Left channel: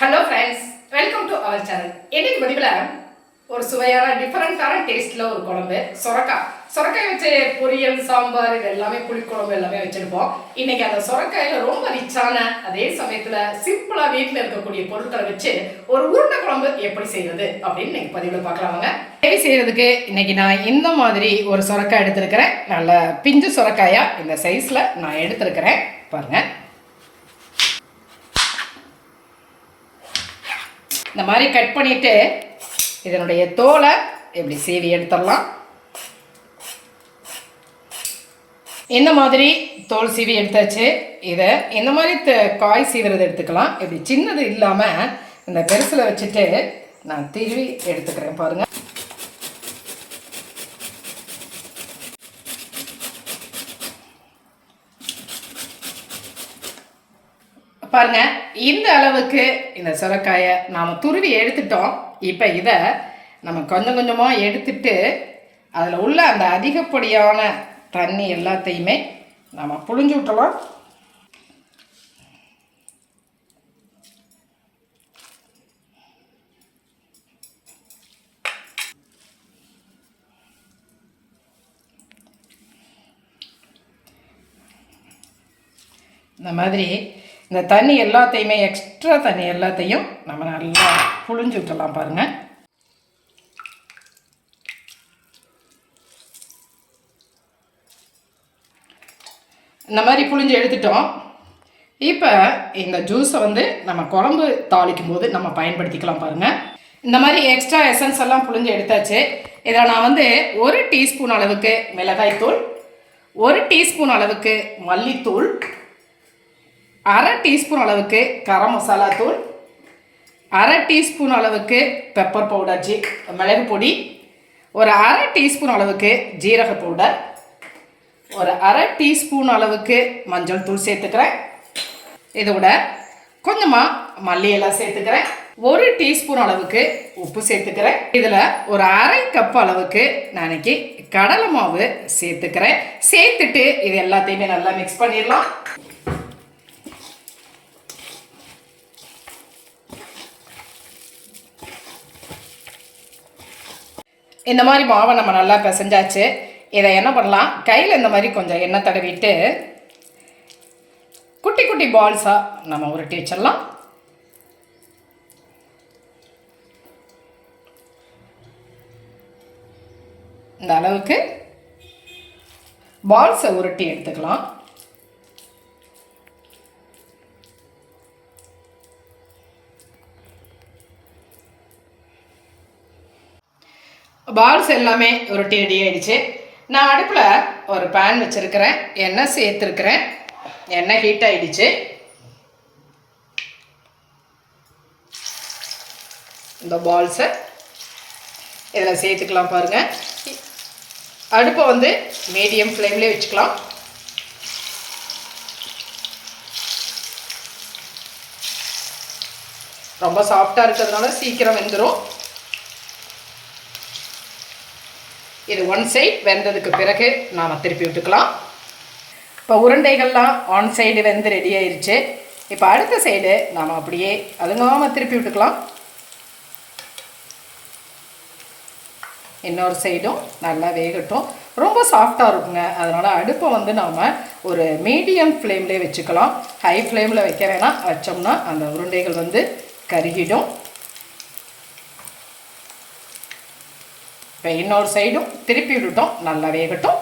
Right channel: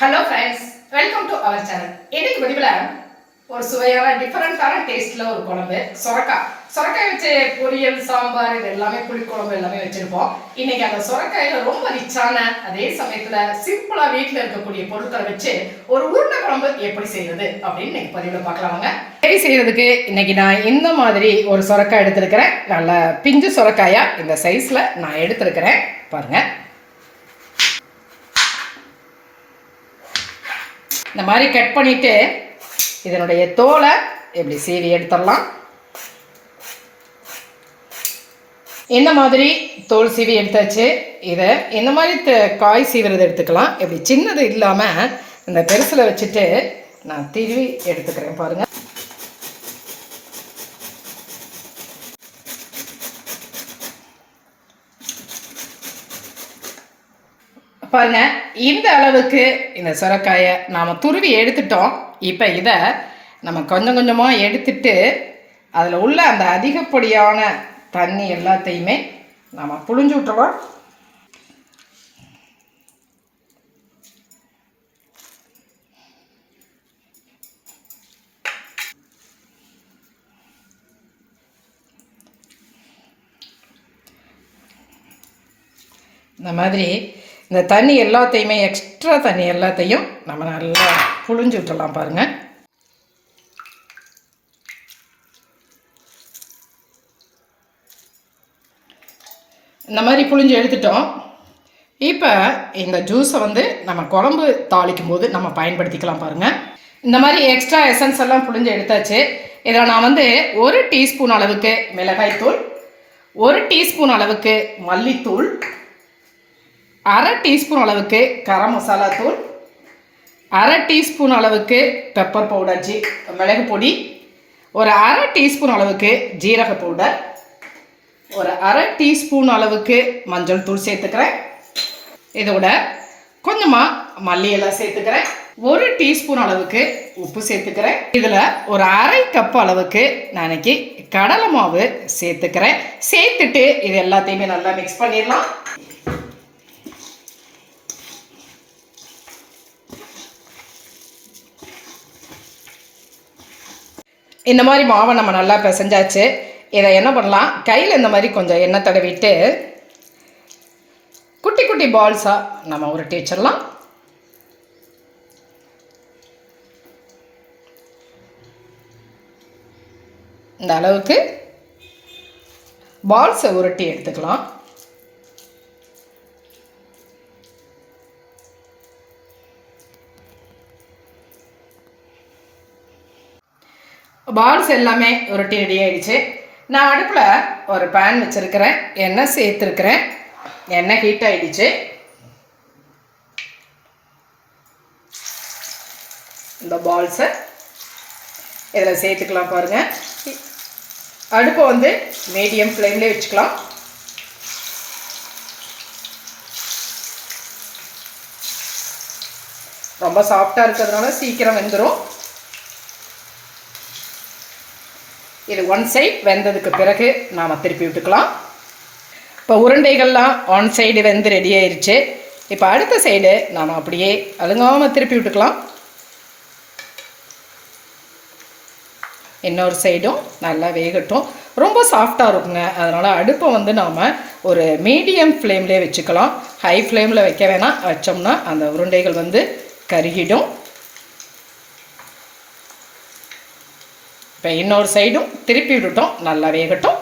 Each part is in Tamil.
Hello friends, welcome to our channel. இன்னைக்கு பதிவில் ஒரு சுவையான டிஃப்ரெண்ட்டான டேஸ்ட்டில் ஒரு குழம்பு சொரக்காய் வச்சு பொரியல், சாம்பார், இது எல்லாமே புளிக்குழம்பு எல்லாமே வச்சுருப்போம். இன்னைக்கு அந்த சொரக்காயில் ரொம்ப ரிச்சான, அதே சமயத்தில் சிம்பிளாக வீட்டில் இருக்கக்கூடிய பொருட்களை வச்சு ஒரு உருண்டை குழம்பு எப்படி செய்வது அப்படின்னு இன்னைக்கு பதிவில் பார்க்கலாமாங்க. எப்படி செய்யறதுக்கு இன்னைக்கு நான் இந்த மாதிரி ஒரு சொரக்காய் எடுத்திருக்கிறேன். நல்ல பிஞ்சு சொரக்காயா இந்த சைஸில் நான் எடுத்திருக்கிறேன். பாருங்கள், இந்த மாதிரி கட் பண்ணிவிட்டு இதனுடைய தோலை எப்படி சீவி எடுத்துடலாம். இந்த மாதிரி தோல் சீவி எடுத்தாச்சு. இதை இந்த மாதிரி காய் சீவுறது எடுத்துக்கலாம். இப்படி சின்னது இல்லாமல் இந்த பெருசில் வச்சுட்டு நான் திருவி எடுத்துக்கிறேன். பாருங்கள், பாருங்க, இந்த அளவுக்கு இந்த சுரைக்காயை நாம் துருவி எடுத்துட்டோம். இப்போ இதை நம்ம கொஞ்சம் கொஞ்சமாக எடுத்துட்டு அதில் உள்ள அந்த அதிகப்படியான தண்ணி எல்லாத்தையுமே நம்ம புழிஞ்சு விட்டுறோம். இந்த மாதிரி இந்த தண்ணி எல்லாத்தையுமே, எக்ஸ்ட்ரா தண்ணி எல்லாத்தையும் நம்ம நல்லா புழிஞ்சு விட்டுடலாம். பாருங்கள், இந்த மாதிரி புழிஞ்சு எடுத்துட்டோம். இப்போ இந்த ஜூஸை நம்ம குழம்பு தாளிக்கும் போது நம்ம பயன்படுத்திக்கலாம். பாருங்கள், இந்த மாதிரி எக்ஸ்ட்ரா எசன்ஸ் எல்லாம் புழிஞ்சு எடுத்தாச்சு. இதில் நான் 1 டீஸ்பூன் அளவுக்கு மிளகாய்த்தூள், 1 டீஸ்பூன் அளவுக்கு மல்லித்தூள், 1/2 டீஸ்பூன் அளவுக்கு கரம் மசாலா தூள், 1/2 டீஸ்பூன் அளவுக்கு பெப்பர் பவுடர், மிளகு பொடி, ஒரு 1/2 டீஸ்பூன் அளவுக்கு ஜீரக பவுடர், ஒரு 1/2 டீஸ்பூன் அளவுக்கு மஞ்சள் தூள் சேர்த்துக்கிறேன். இதோட கொஞ்சமாக மல்லி எல்லாம் சேர்த்துக்கிறேன். 1 டீஸ்பூன் அளவுக்கு உப்பு சேர்த்துக்கிறேன். இதில் ஒரு 1/2 கப் அளவுக்கு நான் இன்னைக்கு கடலை மாவு சேர்த்துக்கிறேன். சேர்த்துட்டு இது எல்லாத்தையுமே நல்லா மிக்ஸ் பண்ணிடலாம். இந்த மாதிரி மாவை நம்ம நல்லா பிசைஞ்சாச்சு. இதை என்ன பண்ணலாம், கையில் இந்த மாதிரி கொஞ்சம் எண்ணெய் தடவிட்டு குட்டி குட்டி பால்ஸாக நம்ம உருட்டி வச்சிடலாம். இந்த அளவுக்கு பால்ஸை உருட்டி எடுத்துக்கலாம். பால்ஸ் எல்லாமே உருட்டி ரெடி ஆகிடுச்சு. நான் அடுப்பில் ஒரு பேன் வச்சுருக்கிறேன், எண்ணெய் சேர்த்துருக்கிறேன். எண்ணெய் ஹீட் ஆகிடுச்சு. இந்த பால்ஸை இதில் சேர்த்துக்கலாம். பாருங்கள், அடுப்பை மீடியம் ஃப்ளேம்லேயே வச்சுக்கலாம். ரொம்ப சாஃப்டாக இருக்கிறதுனால சீக்கிரம் வெந்துடும். இது 1 சைடு வெந்ததுக்கு பிறகு நாம் திருப்பி விட்டுக்கலாம். இப்போ உருண்டைகள்லாம் 1 சைடு வெந்து ரெடி ஆயிடுச்சு. இப்போ அடுத்த சைடு நாம் அப்படியே அழுங்காமல் திருப்பி விட்டுக்கலாம். இன்னொரு சைடும் நல்லா வேகட்டும். ரொம்ப சாஃப்டாக இருக்குங்க. அதனால் அடுப்பை நாம் ஒரு மீடியம் ஃப்ளேம்லேயே வச்சுக்கலாம். ஹை ஃப்ளேமில் வைக்க வேணாம். வச்சோம்னா அந்த உருண்டைகள் கருகிடும். இப்போ இன்னொரு சைடும் திருப்பி விட்டுட்டோம், நல்லா வேகட்டும்.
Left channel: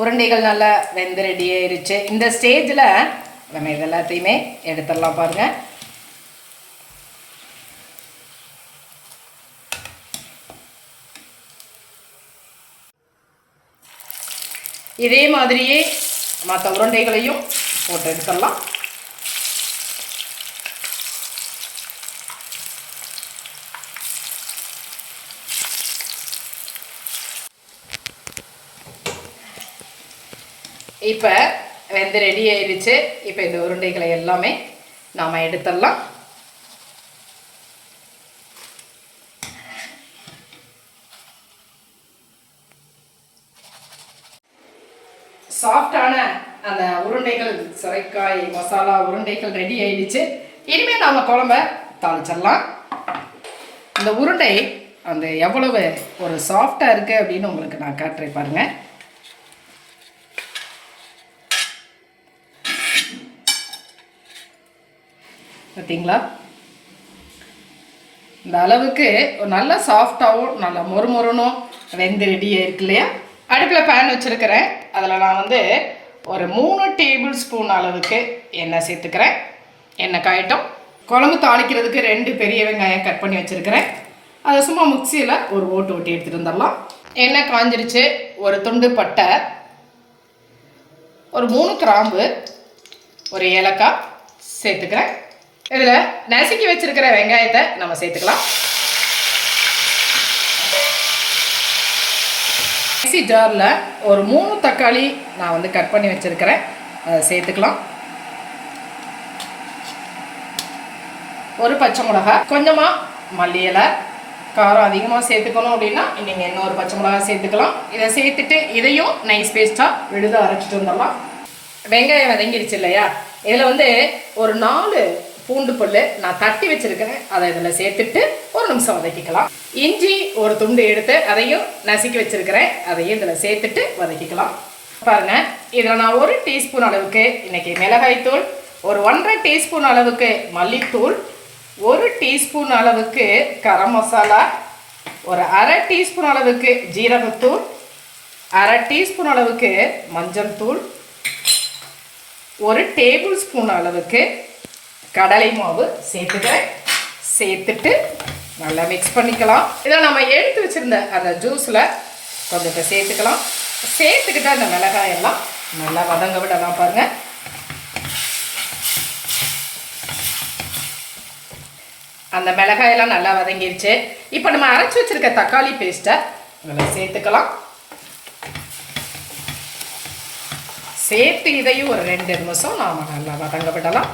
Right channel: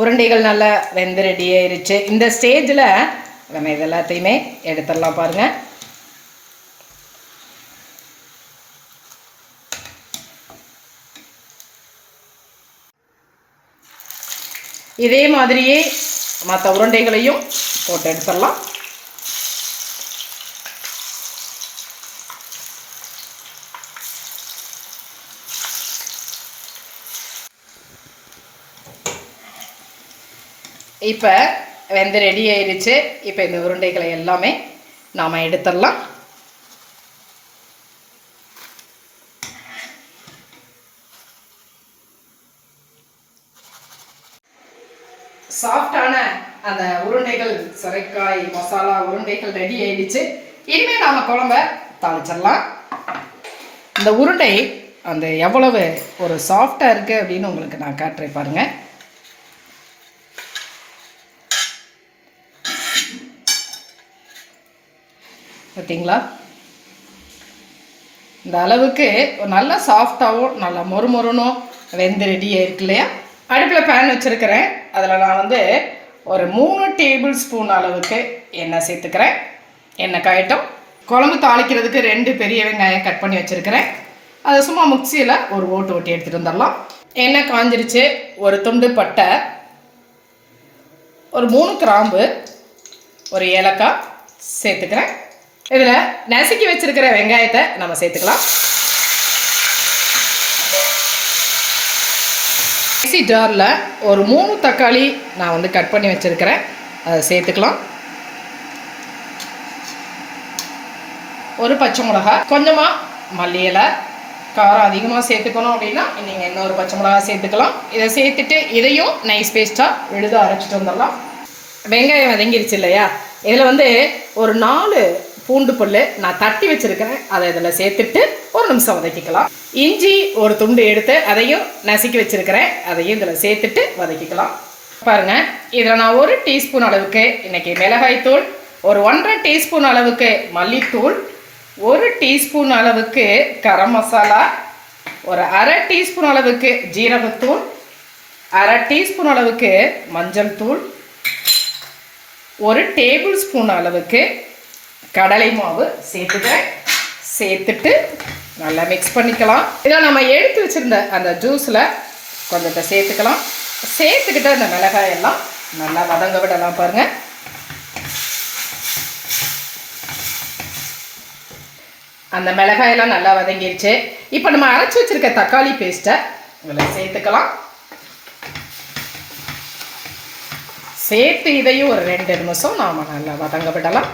உருண்டைகள் நல்லா வெந்து ரெடி ஆயிடுச்சு. இந்த ஸ்டேஜில் நம்ம இது எல்லாத்தையுமே எடுத்துடலாம். பாருங்கள், இதே மாதிரியே மற்ற உருண்டைகளையும் போட்டு எடுத்துடலாம். இப்போ வெந்து ரெடி ஆயிடுச்சு. இப்போ இந்த உருண்டைகளை எல்லாமே நாம் எடுத்துடலாம். சாஃப்டான அந்த உருண்டைகள், சுரைக்காய் மசாலா உருண்டைகள் ரெடி ஆயிடுச்சு. இனிமேல் நாம் குழம்ப தாளிச்சிடலாம். இந்த உருண்டை அந்த எவ்வளவு ஒரு சாஃப்டாக இருக்குது அப்படின்னு உங்களுக்கு நான் காட்டுறேன் பாருங்கள். பார்த்தீங்களா? இந்த அளவுக்கு நல்லா சாஃப்டாகவும் நல்லா மொறுமொறுனும் வெந்து ரெடியாக இருக்கு இல்லையா? அடுப்பில் பேன் வச்சுருக்கிறேன். அதில் நான் வந்து ஒரு 3 டேபிள் ஸ்பூன் அளவுக்கு எண்ணெய் சேர்த்துக்கிறேன். எண்ணெய் காயட்டும். குழம்பு தாளிக்கிறதுக்கு 2 பெரிய வெங்காயம் கட் பண்ணி வச்சுருக்கிறேன். அதை சும்மா மிக்சியில் ஒரு ஓட்டு ஓட்டி எடுத்துகிட்டு வந்துடலாம். எண்ணெய் காஞ்சிருச்சு. ஒரு துண்டு பட்டை, ஒரு 3 கிராம்பு, ஒரு ஏலக்காய் சேர்த்துக்கிறேன். இதில் நசுக்கி வச்சுருக்கிற வெங்காயத்தை நம்ம சேர்த்துக்கலாம். மிக்ஸி ஜாரில் ஒரு 3 தக்காளி நான் வந்து கட் பண்ணி வச்சுருக்கிறேன். அதை சேர்த்துக்கலாம். ஒரு பச்சை மிளகா, கொஞ்சமாக மல்லி இலை. காரம் அதிகமாக சேர்த்துக்கணும் அப்படின்னா நீங்கள் இன்னொரு பச்சை மிளகா சேர்த்துக்கலாம். இதை சேர்த்துட்டு இதையும் நைஸ் பேஸ்ட்டாக விழுதாக அரைச்சிட்டு வந்துடலாம். வெங்காயம் வதங்கிருச்சு இல்லையா? இதில் வந்து ஒரு 4 பூண்டு பல் நான் தட்டி வச்சுருக்கிறேன். அதை இதில் சேர்த்துட்டு ஒரு நிமிஷம் வதக்கிக்கலாம். இஞ்சி ஒரு துண்டு எடுத்து அதையும் நசுக்கி வச்சுருக்கிறேன். அதையும் இதில் சேர்த்துட்டு வதக்கிக்கலாம். பாருங்கள், இதில் நான் 1 டீஸ்பூன் அளவுக்கு இன்றைக்கி மிளகாய்த்தூள், ஒரு 1.5 டீஸ்பூன் அளவுக்கு மல்லித்தூள், 1 டீஸ்பூன் அளவுக்கு கரம் மசாலா, ஒரு 1/2 டீஸ்பூன் அளவுக்கு ஜீரகத்தூள், 1/2 டீஸ்பூன் அளவுக்கு மஞ்சள் தூள், 1 டேபிள் ஸ்பூன் அளவுக்கு கடலை மாவு சேர்த்துட்டு நல்லா மிக்ஸ் பண்ணிக்கலாம். இதை நம்ம எடுத்து வச்சுருந்த அந்த ஜூஸில் கொஞ்சத்தை சேர்த்துக்கலாம். சேர்த்துக்கிட்டு அந்த மிளகாயெல்லாம் நல்லா வதங்க விடலாம். பாருங்கள், அந்த மிளகாயெல்லாம் நல்லா வதங்கிருச்சு. இப்போ நம்ம அரைச்சி வச்சுருக்க தக்காளி பேஸ்ட்டை இதில் சேர்த்துக்கலாம். சேர்த்து இதையும் ஒரு 2 நிமிஷம் நாம் நல்லா வதங்க விடலாம்.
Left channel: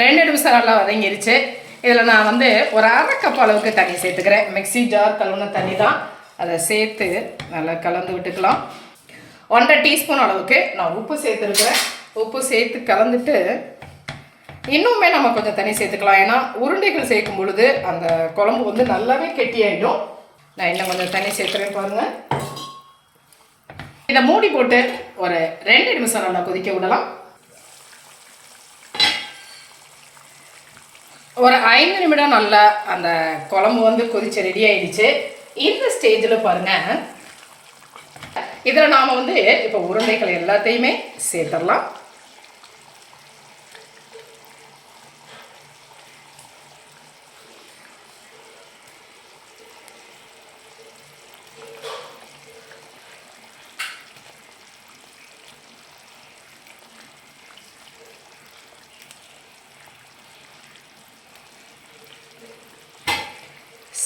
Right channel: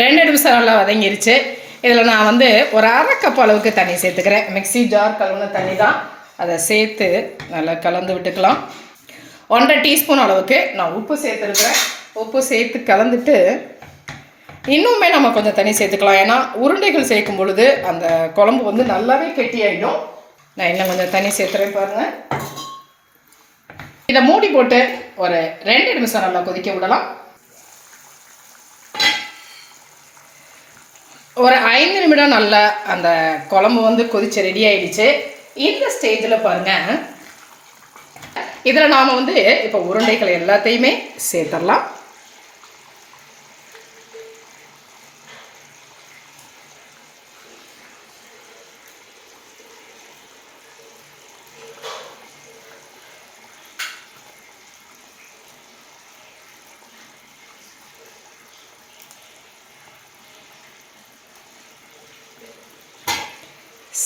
2 நிமிஷம் நல்லா வதங்கிருச்சு. இதில் நான் வந்து ஒரு 1/2 கப் அளவுக்கு தண்ணி சேர்த்துக்கிறேன். மிக்ஸி ஜார் கலந்த தண்ணி தான். அதை சேர்த்து நல்லா கலந்து விட்டுக்கலாம். 1.5 டீஸ்பூன் அளவுக்கு நான் உப்பு சேர்த்துருக்கிறேன். உப்பு சேர்த்து கலந்துட்டு இன்னுமே நம்ம கொஞ்சம் தண்ணி சேர்த்துக்கலாம். ஏன்னா உருண்டைகள் சேர்க்கும் பொழுது அந்த குழம்பு வந்து நல்லாவே கெட்டியாயிடும். நான் இன்னும் கொஞ்சம் தண்ணி சேர்த்துறேன். பாருங்கள், இதை மூடி போட்டு ஒரு 2 நிமிஷம் நல்லா கொதிக்க விடலாம். ஒரு 5 நிமிடம் நல்லா அந்த குழம்பு வந்து கொதிச்சு ரெடி ஆகிடுச்சு. இந்த ஸ்டேஜில் பாருங்கள், இதில் நாம் வந்து இப்போ உருண்டைகள் எல்லாத்தையுமே சேர்த்துடலாம்.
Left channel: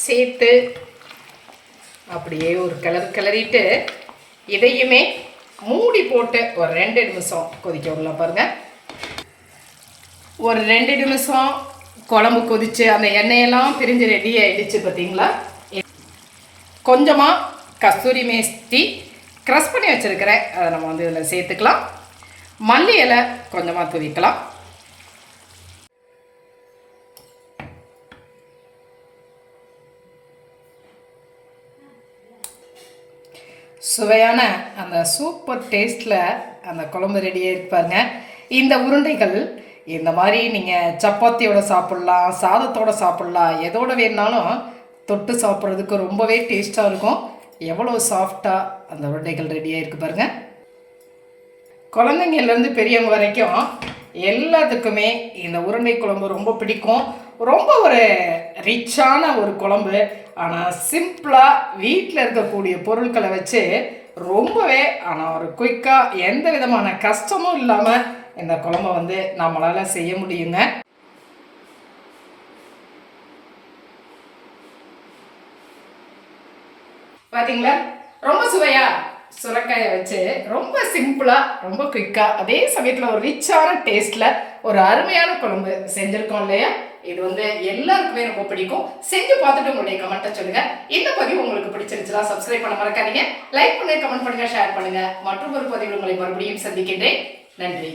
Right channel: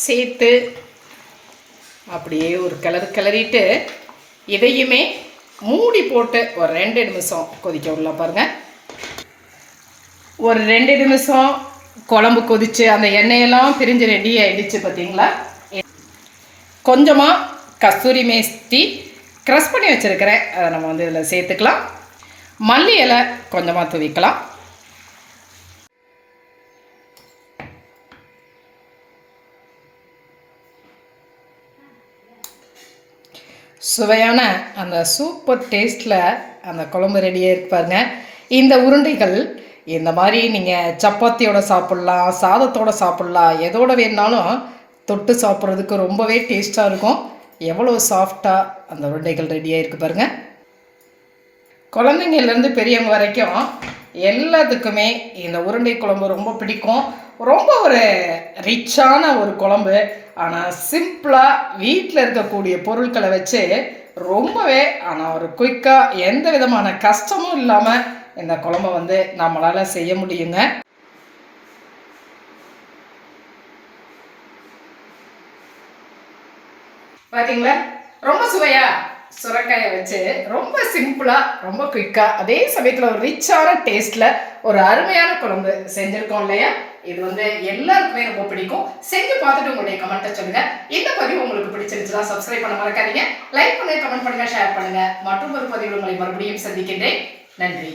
சேர்த்து அப்படியே ஒரு கிளறிட்டு இதையுமே மூடி போட்டு ஒரு 2 நிமிஷம் கொதிக்க விடலாம். பாருங்கள், ஒரு 2 நிமிஷம் குழம்பு கொதித்து அந்த எண்ணெயெல்லாம் பிரிஞ்சு ரெடி ஆகிடுச்சு. பார்த்தீங்களா? கொஞ்சமாக கஸ்தூரி மேஸ்தி க்ரஷ் பண்ணி வச்சுருக்கிறேன். அதை நம்ம வந்து இதில் சேர்த்துக்கலாம். மல்லி இலை கொஞ்சமாக தூவிக்கலாம். சுவையான அந்த சூப்பர் டேஸ்ட்டில் அந்த குழம்பு ரெடியாக இருப்பாருங்க. இந்த உருண்டைகள் இந்த மாதிரி நீங்கள் சப்பாத்தியோட சாப்பிட்லாம், சாதத்தோடு சாப்பிட்லாம், எதோட வேணுனாலும் தொட்டு சாப்பிட்றதுக்கு ரொம்பவே டேஸ்ட்டாக இருக்கும். எவ்வளோ சாஃப்டாக அந்த உருண்டைகள் ரெடியாக இருக்குது பாருங்கள். குழந்தைங்கள்லேருந்து பெரியவங்க வரைக்கும் எல்லாத்துக்குமே இந்த உருண்டை குழம்பு ரொம்ப பிடிக்கும். ரொம்ப ஒரு ரிச்சான ஒரு குழம்பு. ஆனால் சிம்பிளாக வீட்டில் இருக்கக்கூடிய பொருட்களை வச்சு ரொம்பவே ஆனால் ஒரு குயிக்காக எந்த விதமான கஷ்டமும் இல்லாமல் இந்த குழம்பை வந்து நம்மளால் செய்ய முடியுங்க. பார்த்தீங்களா? ரொம்ப சுவையாக சுரைக்காயை வச்சு ரொம்ப சிம்பிளாக ரொம்ப குயிக்காக அதே சமயத்தில் ஒரு ரிச்சான டேஸ்ட்டில் ஒரு அருமையான குழம்பு செஞ்சுருக்கோம் இல்லையா? இது வந்து எல்லாருக்குமே ரொம்ப பிடிக்கும். செஞ்சு பார்த்துட்டு உங்களுடைய கமெண்ட்டை சொல்லுங்கள். இந்த பதிவு உங்களுக்கு பிடிச்சிருச்சுன்னா சப்ஸ்கிரைப் பண்ண மறக்காதீங்க. லைக் பண்ணுங்கள், கமெண்ட் பண்ணுங்கள், ஷேர் பண்ணுங்கள். மற்றும் ஒரு பதிவில் உங்களை மறுபடியும் சந்திக்கின்றேன். நன்றி.